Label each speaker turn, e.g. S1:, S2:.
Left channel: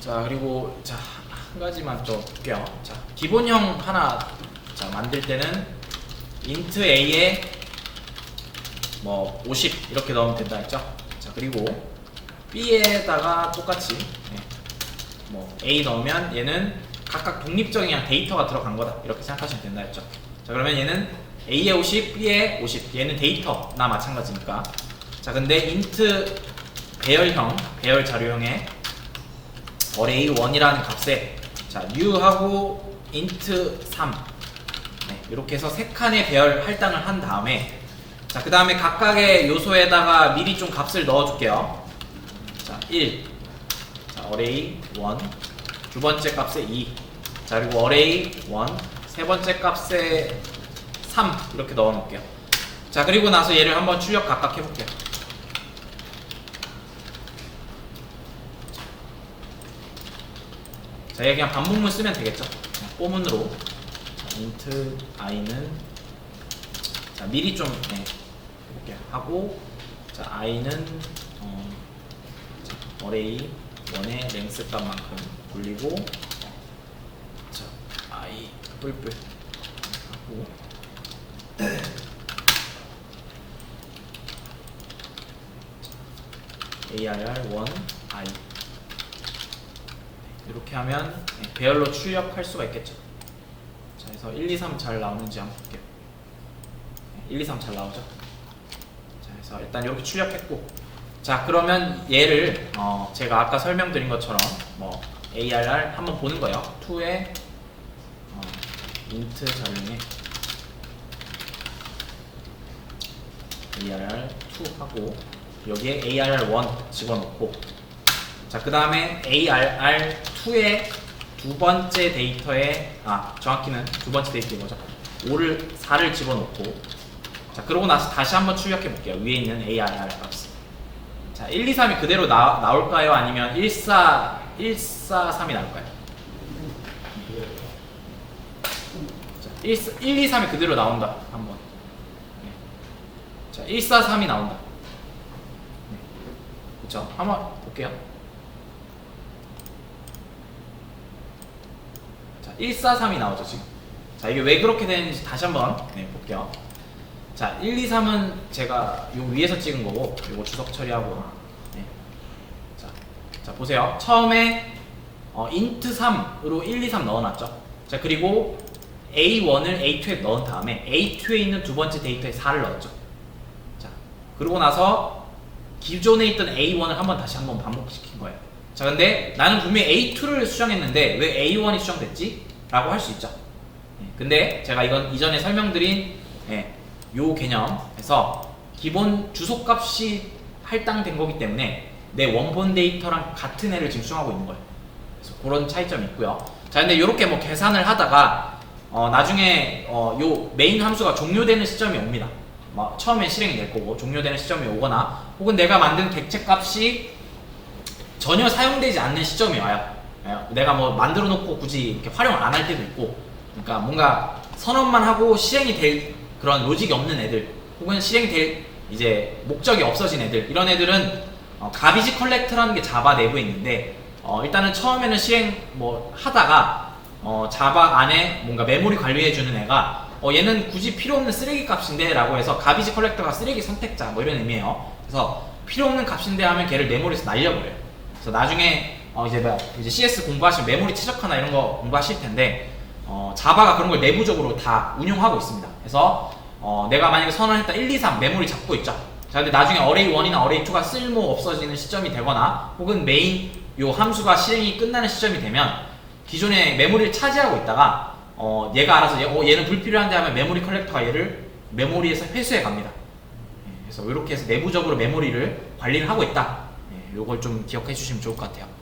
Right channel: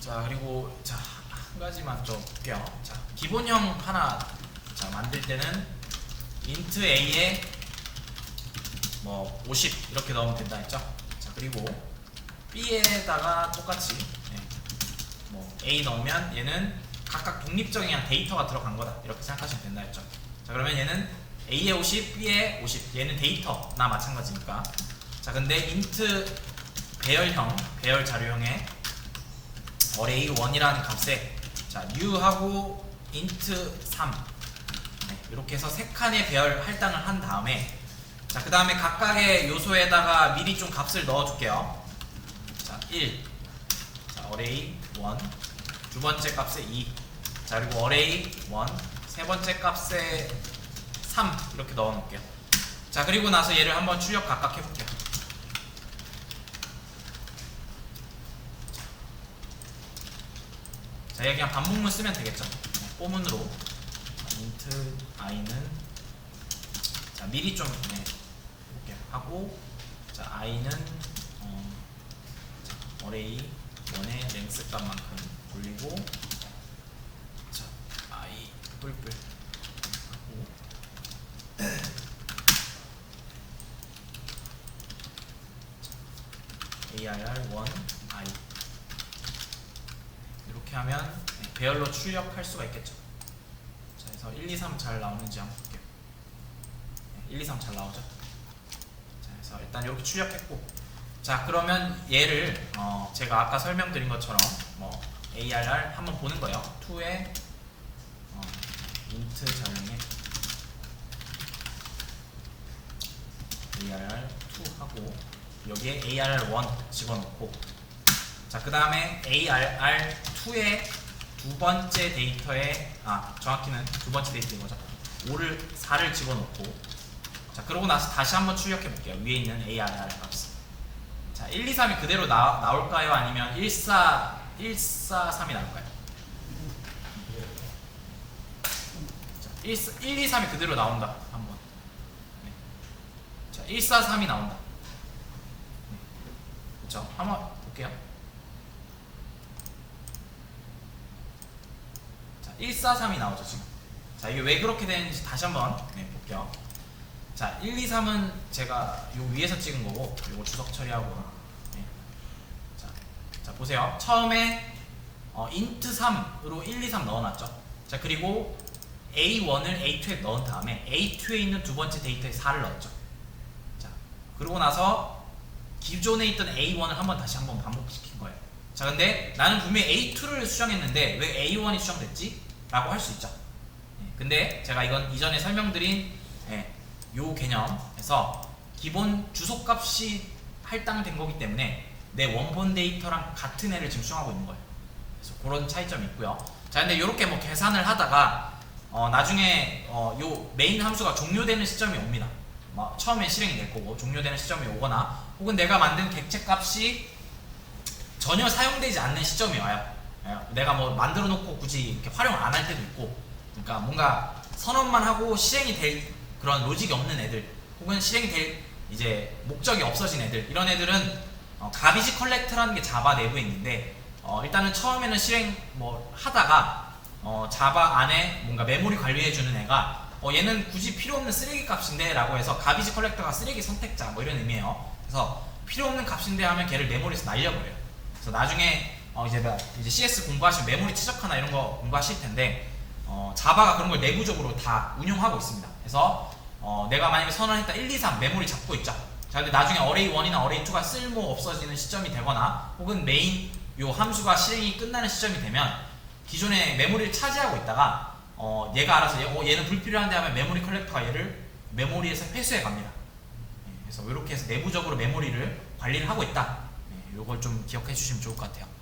S1: 자 그리고 자 한 가지만 좀 볼게요. 자 기본형 하나 자 만들 때는 int a에 뭐 50 이렇게 넣으면 된다 했죠. 자 그리고 b에다가 똑같이 예, 뭐 a 넣으면 얘는 각각 독립적인 데이터가 들어간 거다 이렇게 생각하시면 된다 했죠. 자 그러면 얘는 a에 50, b에 50 얘는 데이터나 마찬가지니까 자 근데 int 배열형 배열 자료형에 array 1이라는 값에 자 new하고 int 3 네, 이렇게 해서 세 칸의 배열 할당을 한 다음에 자 그 다음에 각각의 요소에다가 미리 좀 값을 넣어줄게요. 자 1, 자 array 1 두 번째 값에 2, 자 그리고 array 1 세 번째 값에 3 이렇게 넣어놓을게요. 자 그리고 나서 얘를 한번 출력 각각 해볼게요 자, 여기 그냥 반복문 쓰면 되겠죠. 꼬문으로 자, int i는 자 미리 좀 네, 해볼게요. 하고 자 i는 어, 자, array 1의 랭스 값만큼 굴리고 자 i 뿔뿔 하고 arr1 i 이렇게 하면 네, 배열로 출력할 수가 있겠죠. 자, 그래서 1, 2, 3 잘 나오는지 한번 볼게요. 네, 1, 2, 3 잘 나오죠. 자, 그래서 일단 이렇게 출력했고, 자 그러면 얘를 어, 제가 아까 설명드린 것처럼 뭐 ARR 한번 보는 거예요. 2에 어, int 자료에 ARR 2 하고 여기에 ARR 1 집어넣고 자, 그 다음에 ARR2 의 두 번째 데이터에, 아, 정확히는 두 번째 데이터인 거죠. 5를, 4를 집어넣고, 자, 그러고 나서 다시 한번 출력해 볼게요. 위에 있는 ARR 값. 자, 1, 2, 3이 그대로 나, 나올까요? 아니면 1, 4, 1, 4, 3이 나올까요? 자, 1, 4, 1, 2, 3이 그대로 나온다. 한번. 네. 자, 1, 4, 3이 나온다. 네. 그쵸? 한번 볼게요. 자, 143이 나오죠, 지금. 자, 이게 왜 그렇게 되는지 다시 한번 네, 볼게요. 자, 1, 2, 3은 제가 요 위에서 찍은 거고, 요거 주석 처리하고. 네. 자, 자, 보세요. 처음에 어, int 3으로 1, 2, 3 넣어놨죠. 자, 그리고 A1을 A2에 넣은 다음에 A2에 있는 두 번째 데이터에 4를 넣었죠. 자, 그러고 나서 기존에 있던 A1을 한번 다시 한번 반복시킨 거예요. 자, 근데 나는 분명히 A2를 수정했는데 왜 A1이 수정됐지? 라고 할 수 있죠. 예, 근데 제가 이건 이전에 설명드린 예, 요 개념에서 기본 주소값이 할당된 거기 때문에 내 원본 데이터랑 같은 애를 지금 수정하고 있는 거예요. 그래서 그런 차이점이 있고요. 자, 근데 이렇게 뭐 계산을 하다가 어, 나중에 어, 요 메인 함수가 종료되는 시점이 옵니다. 뭐 처음에 실행이 될 거고 종료되는 시점이 오거나 혹은 내가 만든 객체 값이 전혀 사용되지 않는 시점이 와요. 예, 내가 뭐 만들어 놓고 굳이 이렇게 활용을 안할 때도 있고, 그러니까 뭔가 선언만 하고 실행이 될 그런 로직이 없는 애들, 혹은 실행이 될 이제 목적이 없어진 애들, 이런 애들은 어, 가비지 컬렉터라는 게 자바 내부에 있는데, 어, 일단은 처음에는 실행 뭐 하다가 어, 자바 안에 뭔가 메모리 관리해주는 애가 어, 얘는 굳이 필요 없는 쓰레기 값인데 라고 해서 가비지 컬렉터가 쓰레기 선택자 뭐 이런 의미예요. 그래서 필요 없는 값인데 하면 걔를 메모리에서 날려버려요. 그래서 나중에 어 이제 뭐 이제 CS 공부하시면 메모리 최적화나 이런 거 공부하실 텐데 어 자바가 그런 걸 내부적으로 다 운용하고 있습니다. 그래서 어 내가 만약에 선언했다 1, 2, 3 메모리 잡고 있죠. 자 근데 나중에 array 1이나 array 2가 쓸모 없어지는 시점이 되거나 혹은 메인 요 함수가 실행이 끝나는 시점이 되면 기존에 메모리를 차지하고 있다가 어 얘가 알아서 얘, 어, 얘는 불필요한데 하면 메모리 컬렉터가 얘를 메모리에서 회수해 갑니다. 예, 그래서 이렇게 해서 내부적으로 메모리를 관리를 하고 있다. 예, 요걸 좀 기억해 주시면 좋을 것 같아요.